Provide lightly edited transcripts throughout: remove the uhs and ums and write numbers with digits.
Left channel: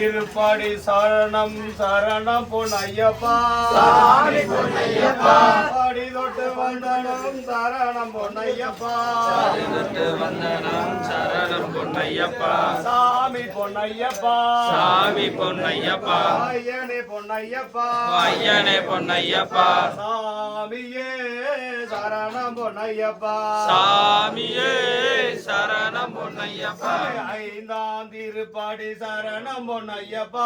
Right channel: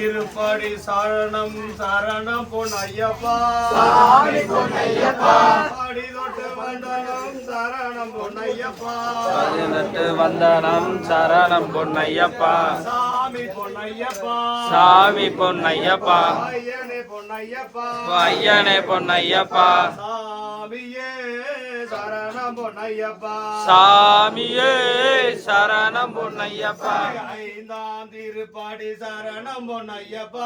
திருப்படி சரணம் சரணம் பொன்னையப்பா சாமி பொன்னையப்பா படி தொட்டு வந்தனம் சரணம் பொன்னையப்பா பதினெட்டு வந்தனம் சரணம் பொன்னையப்பா சாமி பொன்னையப்பா சாமி பொன்னையப்பா ஐயனே பொன்னையப்பா ஐயனே பொன்னையப்பா சாமியே சரணம் பொன்னையப்பா சாமியே சரணம் பொன்னையப்பா ஐந்தாம் திருப்படி சரணம் பொன்னையப்பா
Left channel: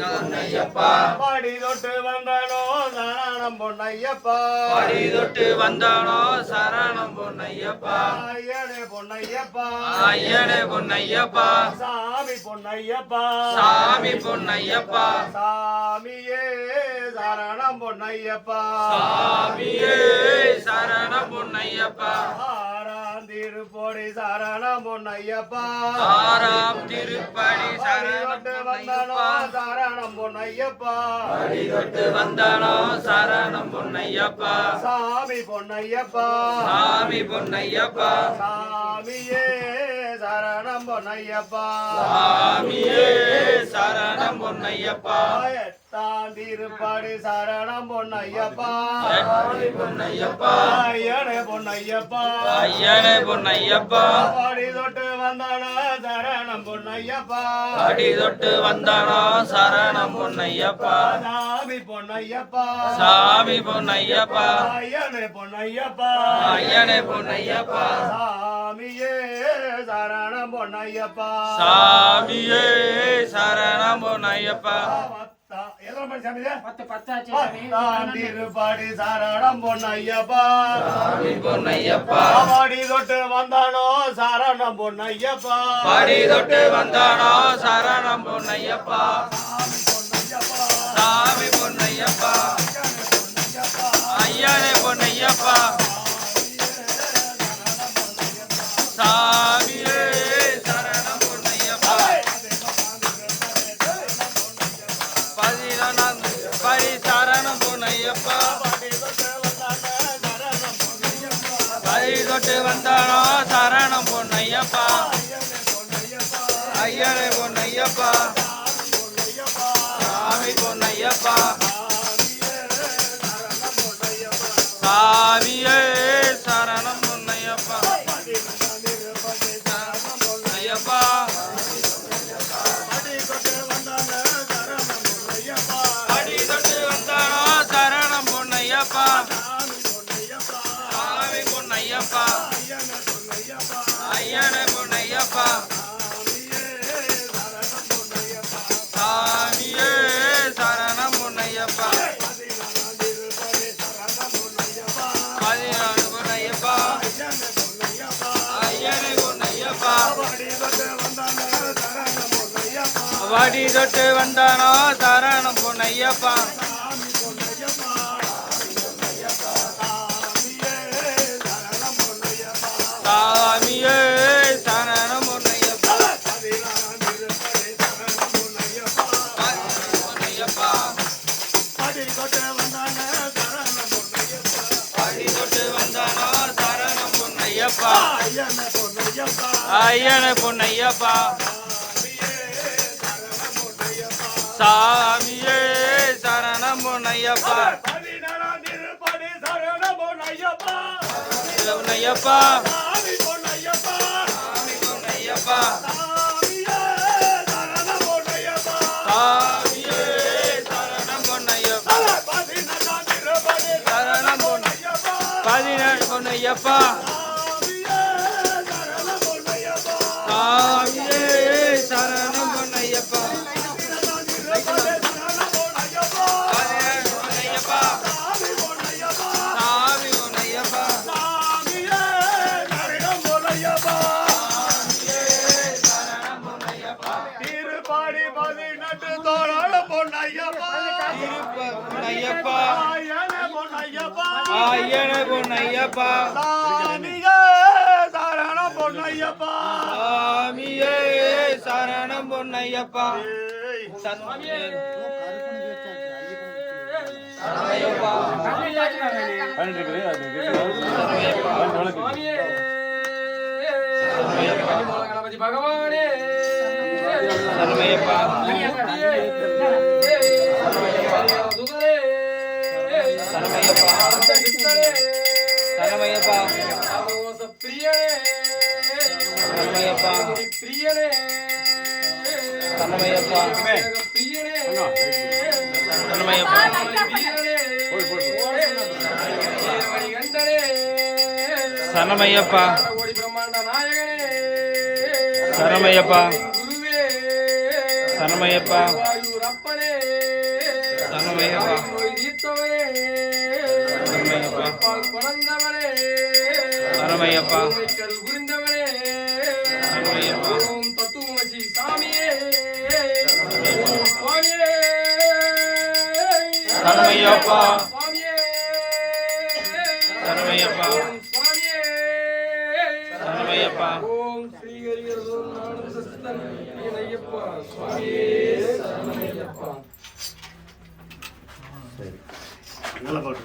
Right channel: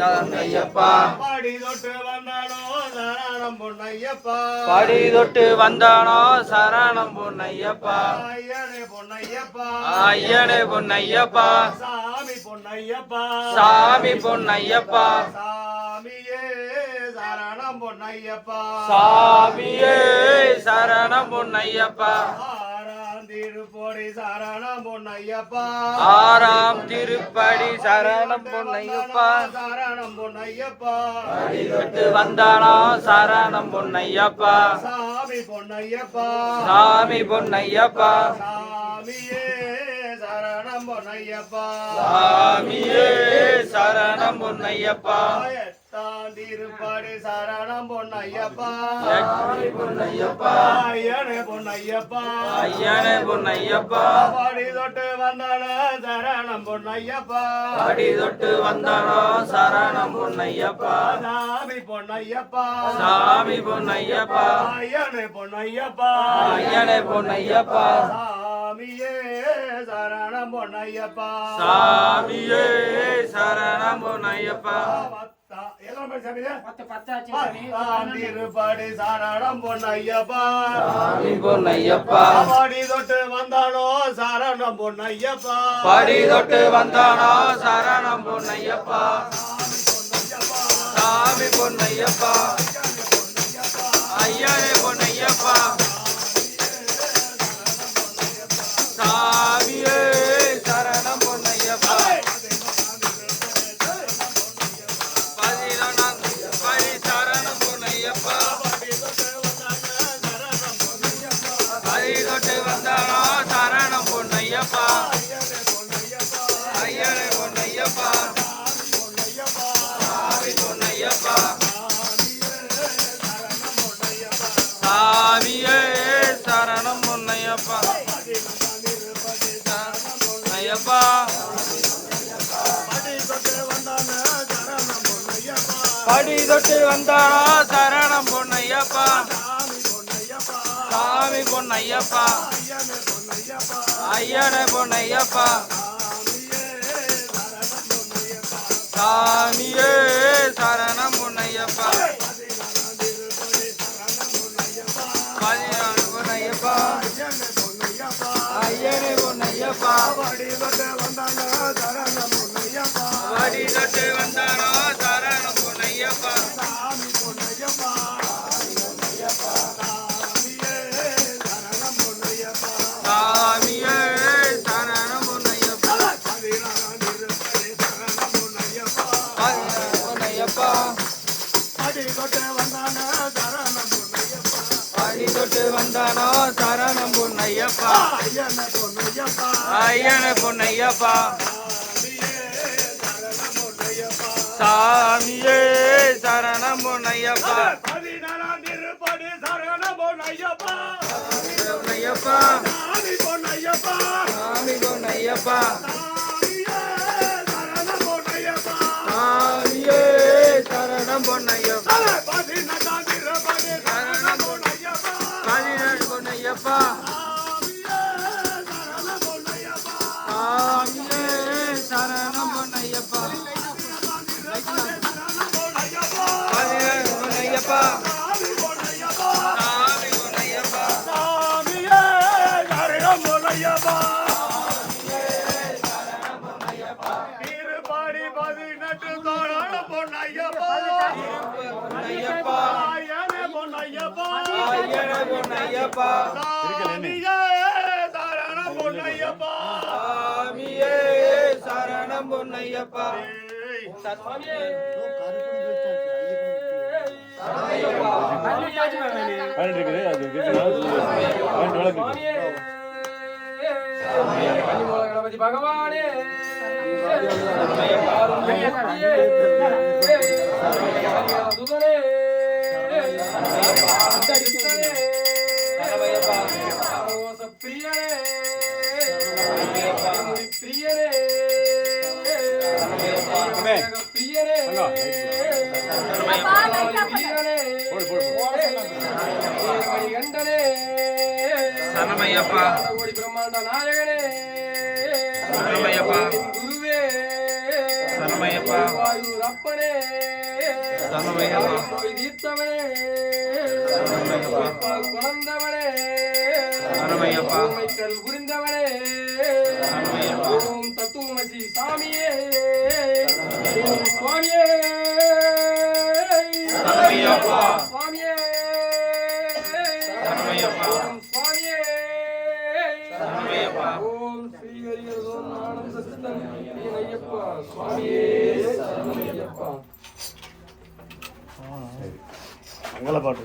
பொன்னையப்பா படி தொட்டு வந்தனோ சரணம் பொன்னையப்பா படி தொட்டு வந்தானோ சரணம் பொன்னையப்பா ஐயனே பொன்னையப்பா ஐயனே பொன்னையப்பா சாமி பொன்னையப்பா சாமி பொன்னையப்பா சாமியே சரணம் பொன்னையப்பா சாமியே சரணம் பொன்னையப்பா ஆறாம் திருப்படி சரணம் பொன்னையப்பா ஆறாம் திருப்படி சரணம் பொன்னையப்பா சரணம் பொன்னையப்பா படி தொட்டு வந்தானோ சரணம் பொன்னையப்பா சாமி பொன்னையப்பா சாமி பொன்னையப்பா சாமியே சரணம் பொன்னையப்பா சாமியே சரணம் பொன்னையப்பா எட்டாம் திருப்படி சரணம் பொன்னையப்பா எட்டாம் பொன்னையப்பா ஐயனே பொன்னையப்பா ஐயனே பொன்னையப்பா படி தொட்டு வந்தன சரணம் பொன்னையப்பா படி தொட்டு வந்தானோ சரணம் பொன்னையப்பா சாமி பொன்னையப்பா சாமி பொன்னையப்பா ஐயனே பொன்னையப்பா ஐயனே பொன்னையப்பா சாமியே சரணம் பொன்னையப்பா சாமியே சரணம் பொன்னையப்பா பத்தாம் திருப்படி சரணம் பொன்னையப்பா சாமி பொன்னையப்பா படி தொட்டு வந்தானோ சரணம் பொன்னையப்பா படி தொட்டு வந்தானோ சரணம் பொன்னையப்பா சாமி பொன்னையப்பா ஐயனே பொன்னையப்பா சாமியே சரணம் பொன்னையப்பா பதினொன்றாம் படி சரணம் பொன்னையப்பா படி தொட்டு வந்தானோ சரணம் பொன்னையப்பா ஐயனே பொன்னையப்பா சாமி பொன்னையப்பா சாமியே சரணம் பொன்னையப்பா ஐயப்பா படி தொட்டு வந்தானோ சரணம் பொன்னையப்பா சாமி பொன்னையப்பா ஐயனே பொன்னையப்பா சாமியே சரணம் பொன்னையப்பா பதினாறு பொன்னையப்பா ஐயனே பொன்னையப்பா வடி தொட்டு வந்தானோ சரணம் பொன்னையப்பா சாமியே சரணம் பொன்னையப்பா பொன்னையப்பா படி தொட்டு வந்தானோ சரணம் பொன்னையப்பா படி தொட்டு வந்தானோ சரணம் பொன்னையப்பா ஐயனே பொன்னையப்பா ஐயனே பொன்னையப்பா சாமியே சரணம் பொன்னையப்பா பதினாறாம் திருப்படி சரணம் பொன்னையப்பா பொன்னையப்பா சாமி பொன்னையப்பா சாமி பொன்னையப்பா சாமியே சரணம் பொன்னையப்பா சாமியே சரணம் பொன்னையப்பா பதினெட்டாம் திருப்படி சரணம் பொன்னையப்பா பதினேழு பொன்னையப்பா சாமியே சரணம் பொன்னையப்பா சாமியே சரணம் பொன்னையப்பா பதினேழு பொன்னையப்பா சாமி பொன்னையப்பா சாமி பொன்னையப்பா சாமியே சரணம் பொன்னையப்பா திருப்படி 18 தோழால பொன்னையப்பா பொன்னையப்பா ஐயனே பொன்னையப்பா ஐயனே பொன்னையப்பா சாமியே சரணம் பொன்னையப்பா சாமியே சரணம் பொன்னையப்பா சாமியே கணபதி பகவானே சரணமையப்பா சரணமையப்பா சரணமையப்பா சரணமையப்பா சரணமையப்பா சரணமையப்பா தத்துவமசி சாமியே சரணமையப்பா சுவாமியே சரணமையப்பா சரணமையப்பா ஓம் ஸ்ரீ ஹரி ஓம் ஆனந்தஸ்தம் ஐயப்பா சுவாமியே சரணமையப்பா நல்ல பாட்டு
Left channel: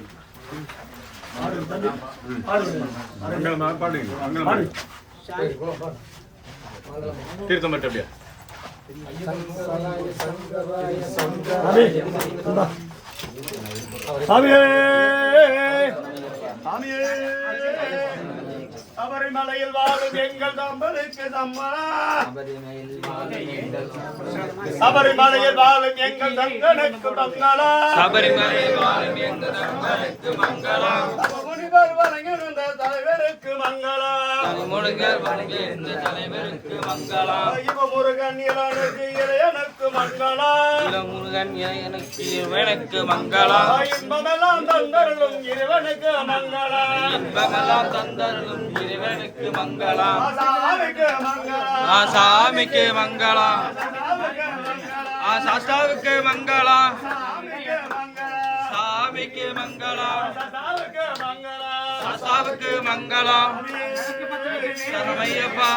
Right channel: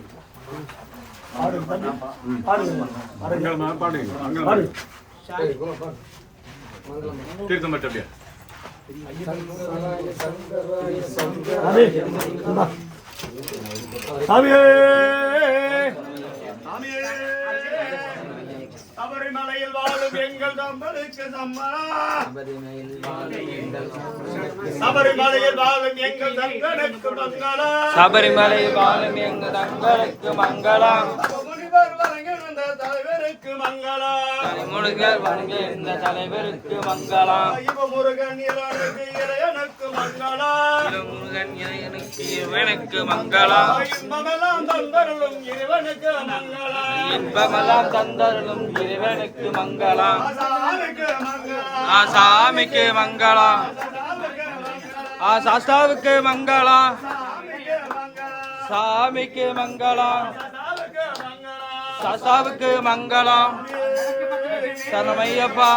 தீர்த்தமட்டபியா சாமியே சாமியே சபரிமலையில் வாழும் எங்கள் தம்பருக்கு சபரிமலையில் வாழும் எங்கள் தங்கனுக்கு மங்களா சபரிமலையில் வாழும் எங்கள் நண்பருக்கு மங்களம் முனிவர் வணங்கின தலைவருக்கு மங்களா முருகர் வணங்கிய இந்த தலைவருக்கு மங்களம் முருகன் இளனுக்கு இளையனுக்கு மங்களா முருகன் எனக்கு இறைவனுக்கு மங்களம் இன்பமெல்லாம் தந்தருளும் இறைவனுக்கு மங்களா இன்பமெல்லாம் தந்தருளும் இறைவனுக்கு மங்களம் சாமிக்கு மங்களா சாமிக்கு மங்களம் சாஸ்தாவுக்கு மங்களம் சாமிக்கு மங்களம் சாஸ்தாவுக்கு மங்களம் சரணமையப்பா